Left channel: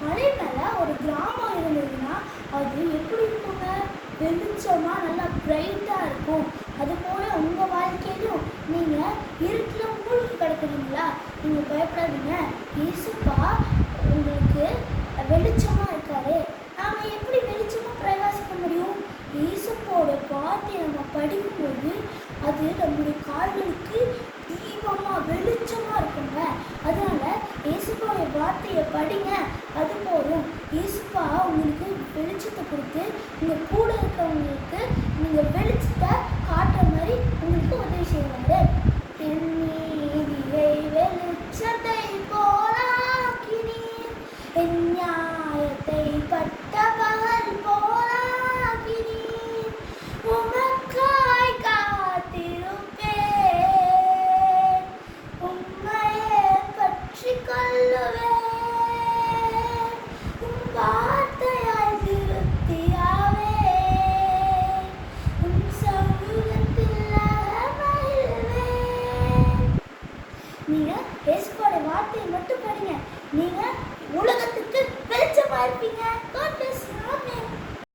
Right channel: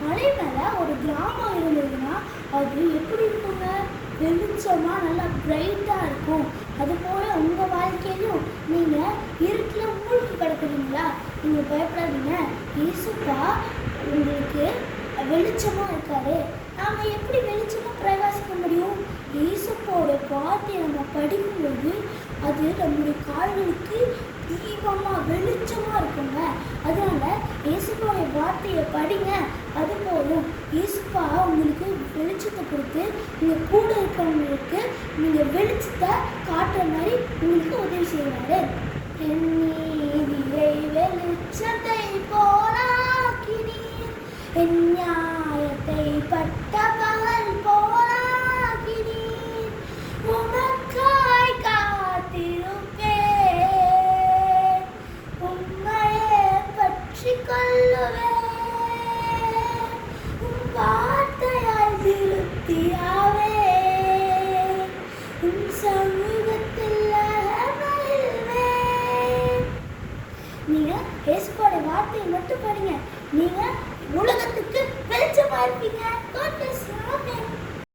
மலை மேலே ஒரு கிராமம் இருந்ததுன்னா அது எப்படி இருக்குங்க? வெளிச்சமாக நல்லா பிரைட்டாக இருக்கும். அதுபோல் உங்கள் வாழ்க்கையிலும் நீங்கள் இருட்டில் மூழ்கி கிடக்குறீங்களா? நீங்கள் பயப்படாதீங்க. இயேசுப்பா உங்களுக்கு வெளிச்சமாக இருக்காரு. நாம் எப்படி வெளிச்சமாக பிரகாசிக்க முடியும்? இயேசுப்போட வார்த்தையை நம்ம படிக்கும்போது அது நம்முடைய கால்களுக்கு தீபமாக வெளிச்சமாக இருக்குங்க. அதனால இயேசுப்போட வார்த்தையை படிங்க, அது போதும். இயேசுப்பா உங்களுக்கு வெளிச்சத்தை கொடுத்து உங்கள் கூட இருக்கிறவங்களுக்கு நீங்கள் வெளிச்சத்தை காட்டுற மாதிரி உங்களுக்கு உதவி செய்வாரு. வெளிச்சத்தை போலாக்கினீர், என் நியாயத்தை பட்ட பகல் போலாக்கினீர், உமக்காய் காத்திருப்பேன், உம்மையே பற்றி கொள்ளுவேன், உம் வார்த்தையாய் திருப்தியாவே, உம் சமூகத்தில் மகிழ்வேன். நீங்கள் இயேசுவோட வார்த்தையை மட்டும் படிங்க, நீங்கள் உலகத்துக்கு வெளிச்சமாக இருப்பீங்க.